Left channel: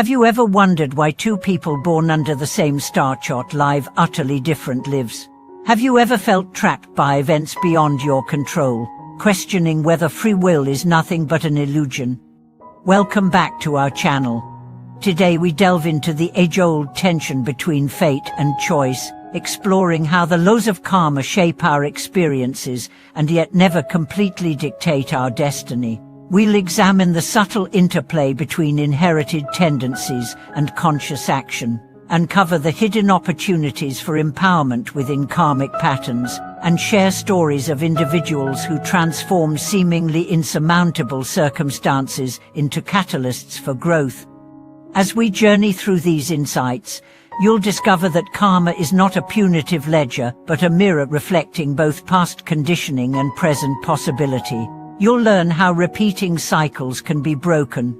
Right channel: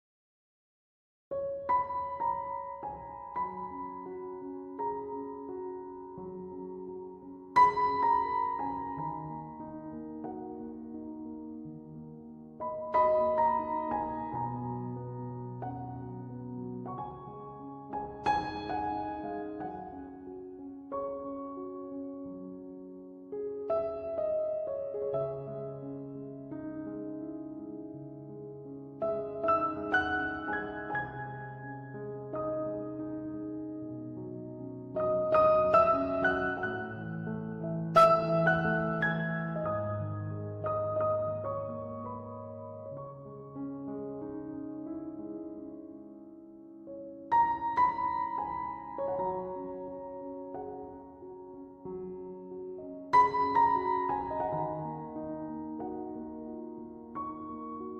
Have you ever wondered why two people born under the same star chart live utterly different lives? Have you ever felt trapped by events beyond your control, questioning whether free will is nothing but an illusion? Welcome back to our channel. Today we delve into the age-old tension between fate and choice, exploring how the laws of karma shape our experiences and yet never completely dictate our destiny. We'll examine the subtle interplay between inherited tendencies and conscious action, uncover the hidden opportunities for empowerment within karmic patterns, and share stories of individuals who transform seemingly insurmountable circumstances into catalysts for growth. As we journey through these insights, you'll discover that karma is not a punitive ledger, but a mirror reflecting both past conditioning and present possibility. You'll learn how repeating cycles can be broken,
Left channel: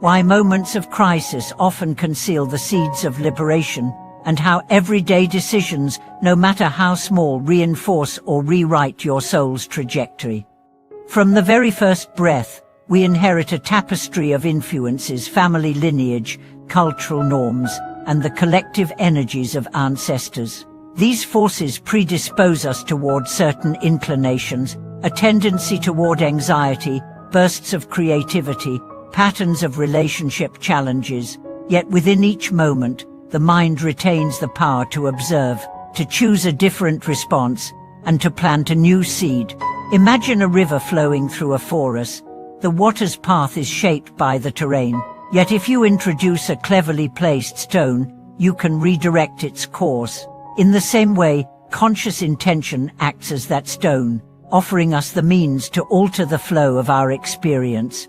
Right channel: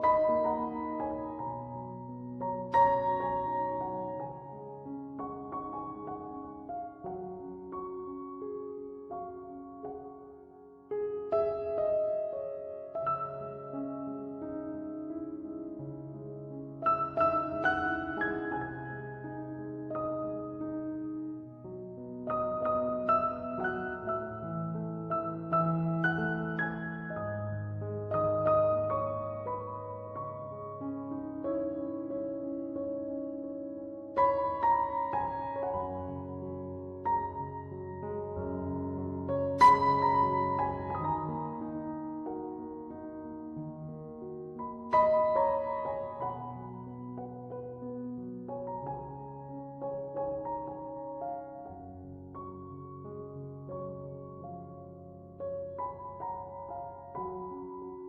why moments of crisis often conceal the seeds of liberation, and how everyday decisions, no matter how small, reinforce or rewrite your soul's trajectory. From the very first breath, we inherit a tapestry of influences: family lineage, cultural norms, and the collective energies of ancestors. These forces predispose us toward certain inclinations, a tendency toward anxiety, bursts of creativity, patterns of relationship challenges. Yet within each moment, the mind retains the power to observe, to choose a different response, and to plant a new seed. Imagine a river flowing through a forest. The water's path is shaped by the terrain, yet if you introduce a cleverly placed stone, you can redirect its course. In the same way, conscious intention acts as that stone, offering us the means to alter the flow of our experience.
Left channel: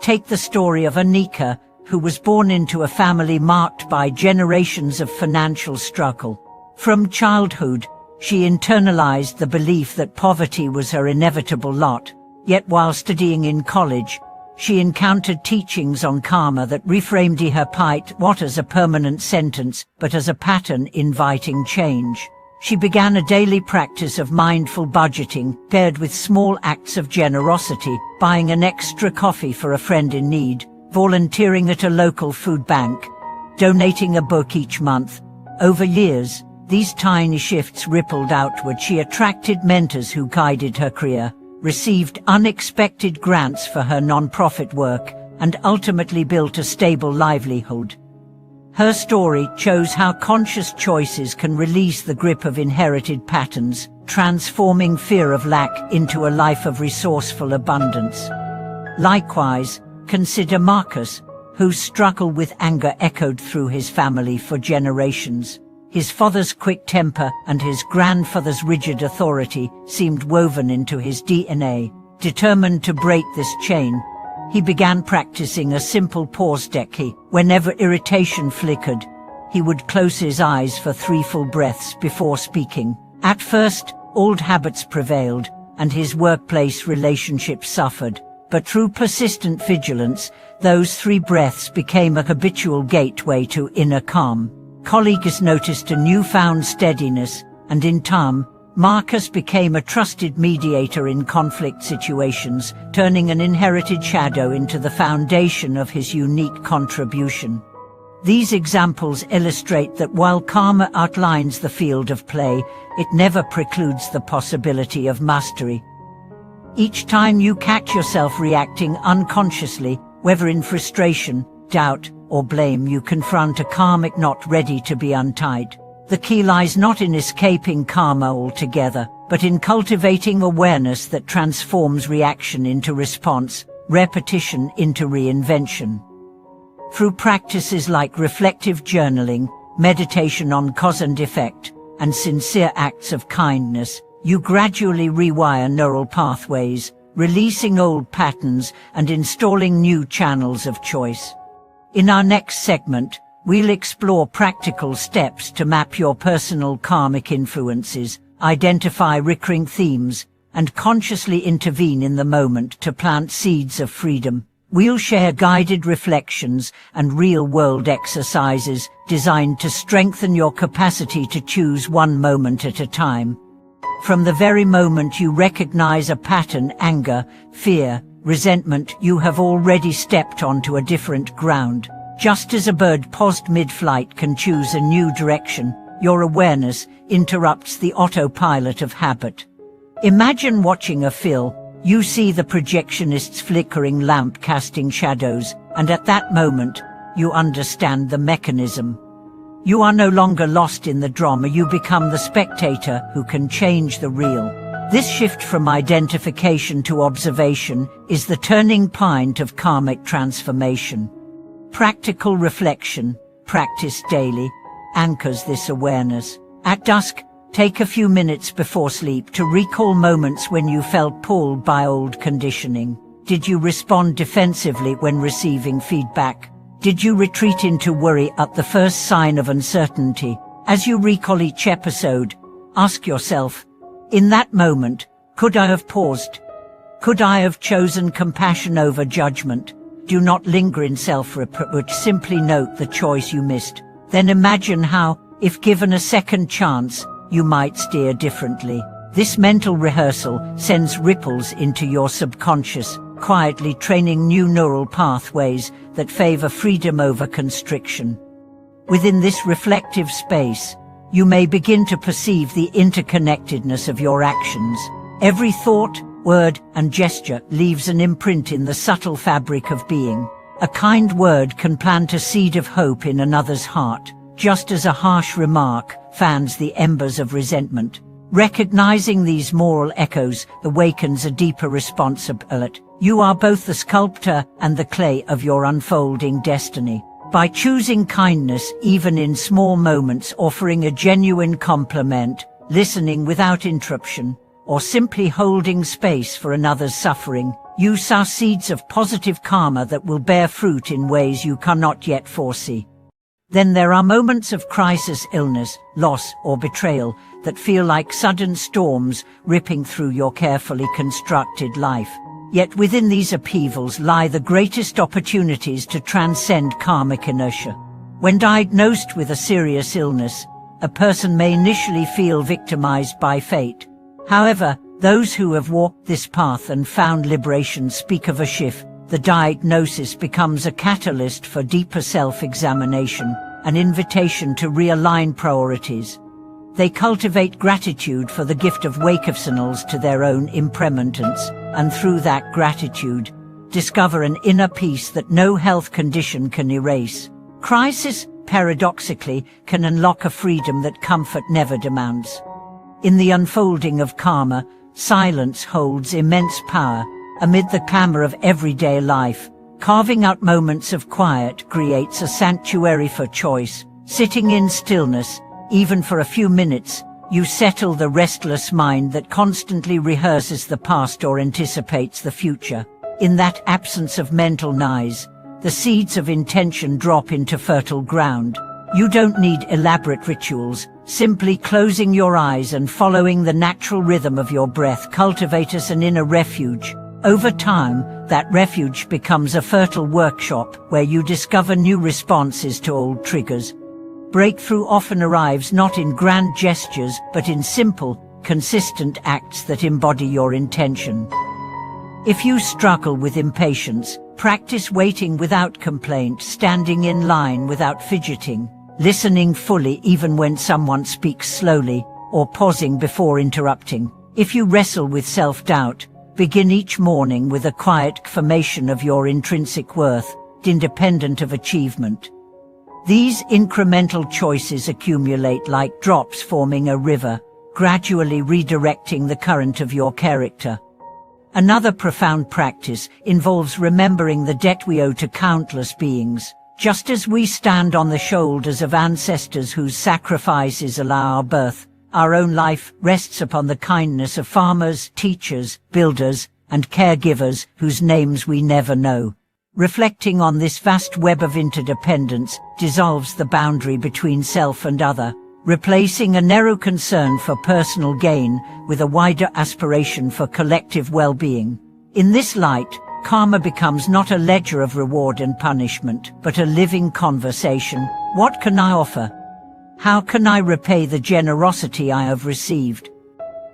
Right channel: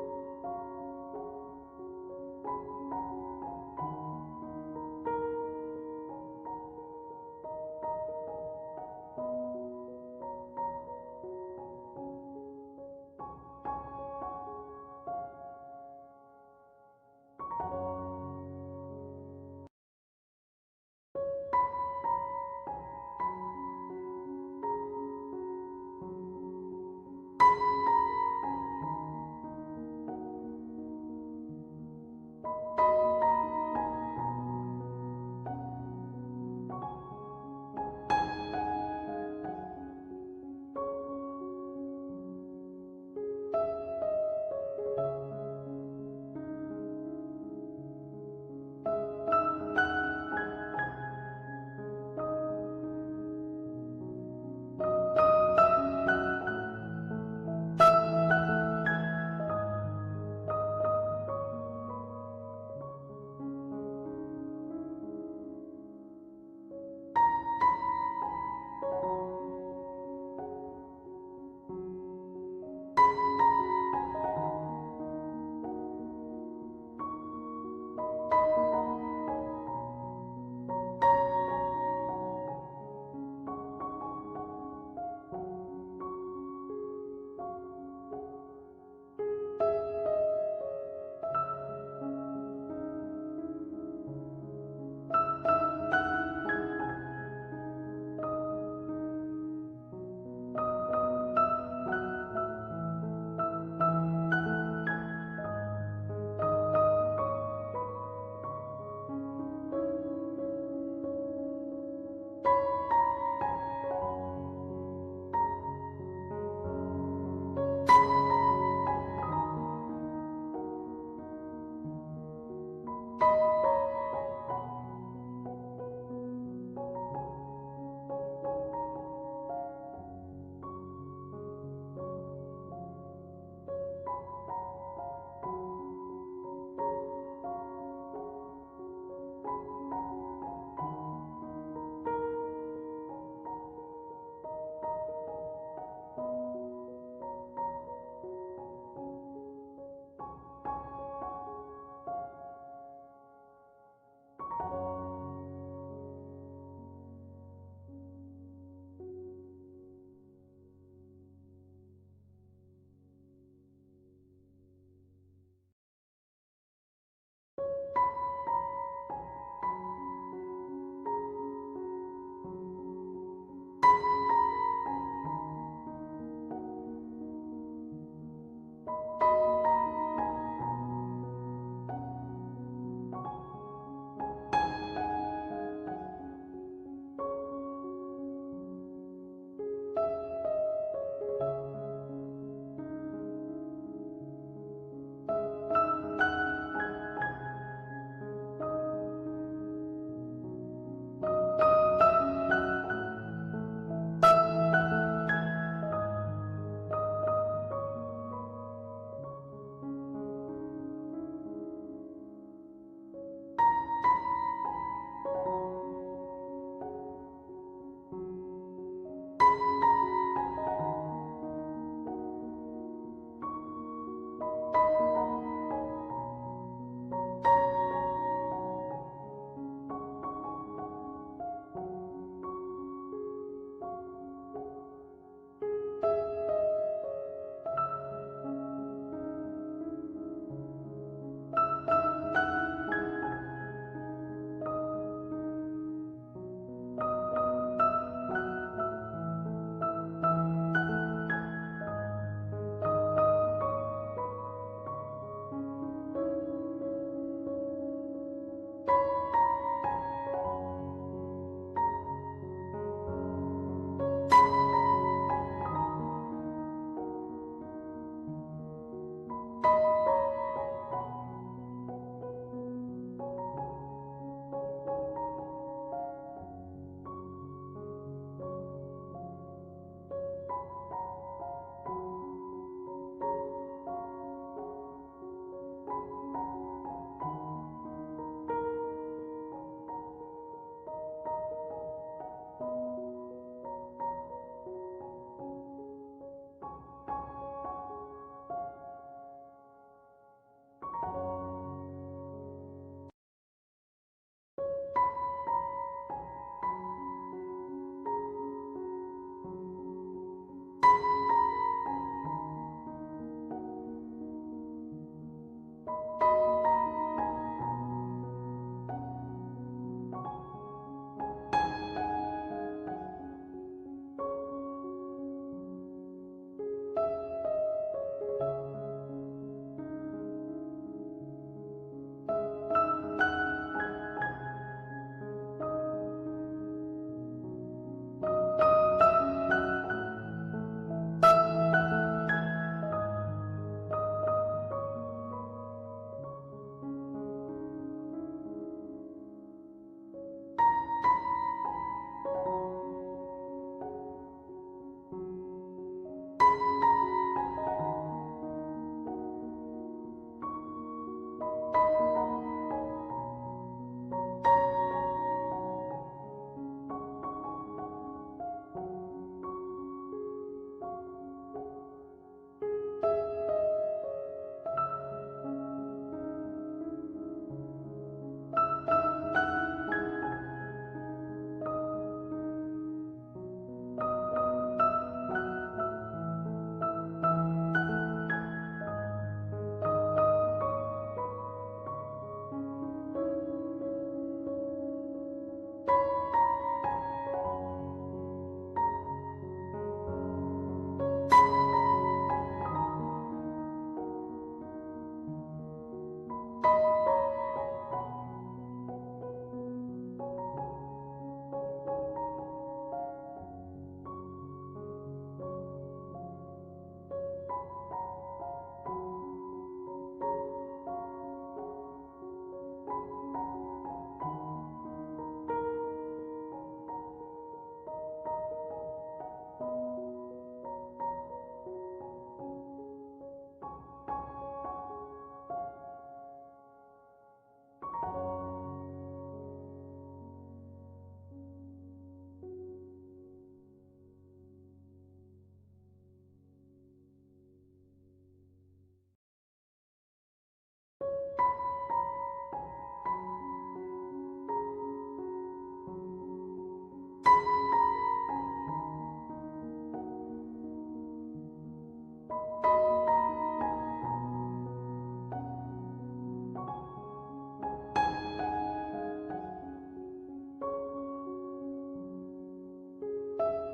Take the story of Anika, who was born into a family marked by generations of financial struggle. From childhood, she internalized the belief that poverty was her inevitable lot. Yet while studying in college, she encountered teachings on karma that reframed her plight not as a permanent sentence, but as a pattern inviting change. She began a daily practice of mindful budgeting, paired with small acts of generosity, buying an extra coffee for a friend in need, volunteering at a local food bank, donating a book each month. Over years, these tiny shifts rippled outward. She attracted mentors who guided her career, received unexpected grants for her non-profit work, and ultimately built a stable livelihood. Her story shows how conscious choices can release the grip of inherited patterns, transforming fear of lack into a life of resourceful abundance. Likewise, consider Marcus, whose struggle with anger echoed through his family for generations. His father's quick temper and his grandfather's rigid authority seemed woven into his DNA. Determined to break this chain, he began practicing a simple pause technique. Whenever irritation flickered, he would close his eyes for 3 full breaths before speaking. At first, old habits prevailed, and his workplace relationships suffered. But through persistent vigilance, those 3 breaths became a habitual gateway to inner calm. Colleagues noticed a newfound steadiness, and in time, Marcus became a trusted mediator in conflict situations, turning an inherited shadow into the foundation of his unique contribution. These examples illustrate that while karma outlines the field of play, it never precludes the possibility of mastery. Each time you catch yourself reacting unconsciously, whether in frustration, doubt, or blame, you confront a karmic knot ready to be untied. The key lies not in escaping karma altogether, but in cultivating awareness that transforms reaction into response, repetition into reinvention. Through practices like reflective journaling, meditation on cause and effect, and sincere acts of kindness, you gradually rewire neural pathways, releasing old patterns and installing new channels of choice. In our next segment, we'll explore practical steps to map your personal karmic influences, identify recurring themes, and consciously intervene in the moment to plant seeds of freedom. We'll share guided reflections and real-world exercises designed to strengthen your capacity to choose one moment at a time. From the very moment you recognize a pattern, anger, fear, resentment, you have already stepped onto a different ground. Just as a bird paused mid-flight can choose a new direction, your awareness interrupts the autopilot of habit. Imagine watching a film. You see the projectionist's flickering lamp casting shadows, and at that moment, you understand the mechanism. You are no longer lost in the drama, you become the spectator who can change the real. This shift from identification to observation is the turning point of karmic transformation. Practical reflection, practice daily, anchors this awareness. At dusk, take a few minutes before sleep to recall moments when you felt pulled by old conditioning. Did you respond defensively when receiving feedback? Did you retreat into worry at the first sign of uncertainty? As you recall each episode, ask yourself, in that moment, could I have paused? Could I have chosen compassion over judgment? Do not linger in self-reproach, simply note the choice you missed. Then imagine how, if given a second chance, you might steer differently. This mental rehearsal sends ripples into your subconscious, quietly training new neural pathways that favor freedom over constriction. Within this reflective space, you may begin to perceive the interconnectedness of your actions. Every thought, word, and gesture leaves an imprint in the subtle fabric of being. A kind word can plant a seed of hope in another's heart, just as a harsh remark fans the embers of resentment. Recognizing these moral echoes awakens a deeper responsibility. You are both the sculptor and the clay of your unfolding destiny. By choosing kindness even in small moments, offering a genuine compliment, listening without interruption, or simply holding space for another's suffering, you sow seeds of positive karma that will bear fruit in ways you cannot yet foresee. Then there are moments of crisis, illness, loss, or betrayal that feel like sudden storms ripping through your carefully constructed life. Yet within these upheavals lie the greatest opportunities to transcend karmic inertia. When diagnosed with a serious illness, a person may initially feel victimized by fate. However, those who have walked this path and found liberation speak of a shift. The diagnosis becomes a catalyst for deeper self-examination, an invitation to realign priorities. They cultivate gratitude for the gift of wakefulness to their own impermanence, and through that gratitude, discover an inner peace that no health condition can erase. Crisis, paradoxically, can unlock a freedom that comfort never demands. In the unfolding of karma, silence holds immense power. Amid the clamor of everyday life, carving out moments of quiet creates a sanctuary for choice. Sitting in stillness, even for a few minutes, you settle the restless mind that constantly rehearses the past or anticipates the future. In that absence of mental noise, the seeds of intention drop into fertile ground. You don't need elaborate rituals. Simply closing your eyes and following the natural rhythm of your breath cultivates an inner refuge. Over time, that refuge becomes a fertile workshop where you discover new responses to old triggers. Breakthrough often arrives not in grand gestures, but in simple, consistent acts that embody your intention. If you struggle with impatience, practice waiting without complaint, standing in line without fidgeting, listening fully even when someone speaks slowly, or pausing before interrupting. If you wrestle with self-doubt, begin each morning with a quiet affirmation of your intrinsic worth, independent of achievement. These incremental choices accumulate like drops forming a river, gradually redirecting the current of your character. Another profound practice involves remembering the debt we owe to countless beings. Just as we stand on the shoulders of ancestors whose sacrifices allow our birth, our own life rests upon the kindness of farmers, teachers, builders, and caregivers whose names we never know. Reflecting on this vast web of interdependence dissolves the boundary between self and other, replacing a narrow concern for personal gain with a wider aspiration for collective well-being. In this light, karma becomes not a ledger of reward and punishment, but a living conversation. What can I offer? How can I repay the generosity I have received?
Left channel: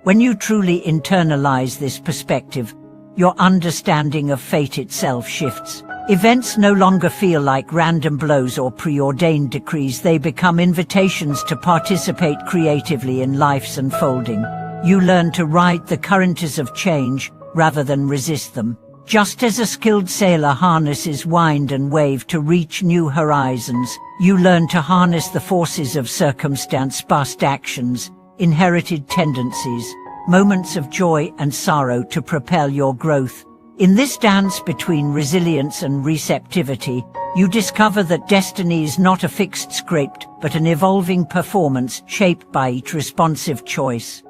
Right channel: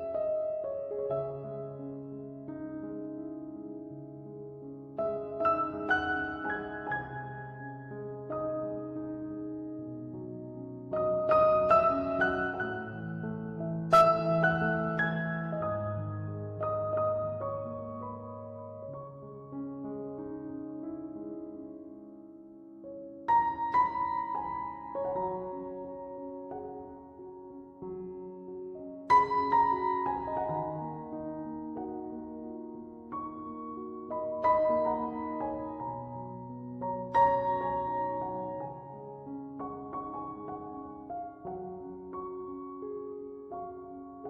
When you truly internalize this perspective, your understanding of fate itself shifts. Events no longer feel like random blows or preordained decrees. They become invitations to participate creatively in life's unfolding. You learn to ride the currents of change rather than resist them. Just as a skilled sailor harnesses wind and wave to reach new horizons, you learn to harness the forces of circumstance, past actions, inherited tendencies, moments of joy and sorrow to propel your growth. In this dance between resilience and receptivity, you discover that destiny is not a fixed script, but an evolving performance shaped by each responsive choice.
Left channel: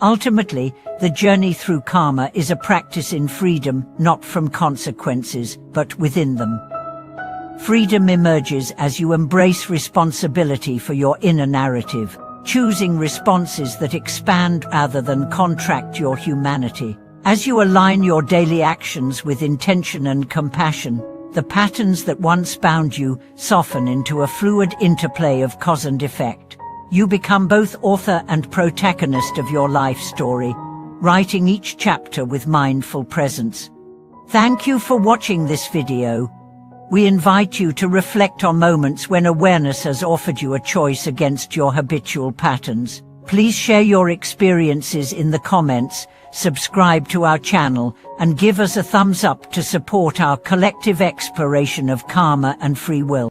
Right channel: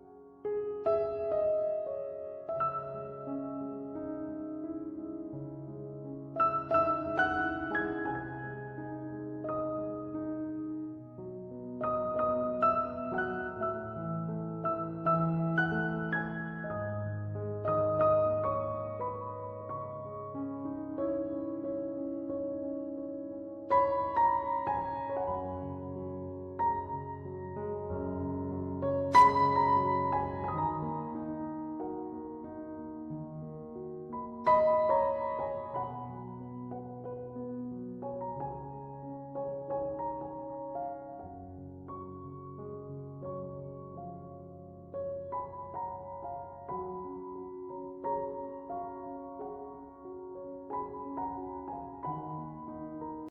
Ultimately, the journey through karma is a practice in freedom, not from consequences, but within them. Freedom emerges as you embrace responsibility for your inner narrative, choosing responses that expand rather than contract your humanity. As you align your daily actions with intention and compassion, the patterns that once bound you soften into a fluid interplay of cause and effect. You become both author and protagonist of your life story, writing each chapter with mindful presence. Thank you for watching this video. We invite you to reflect on moments when awareness has offered you a choice against your habitual patterns. Please share your experiences in the comments, subscribe to our channel, and give us a thumbs up to support our collective exploration of karma and free will.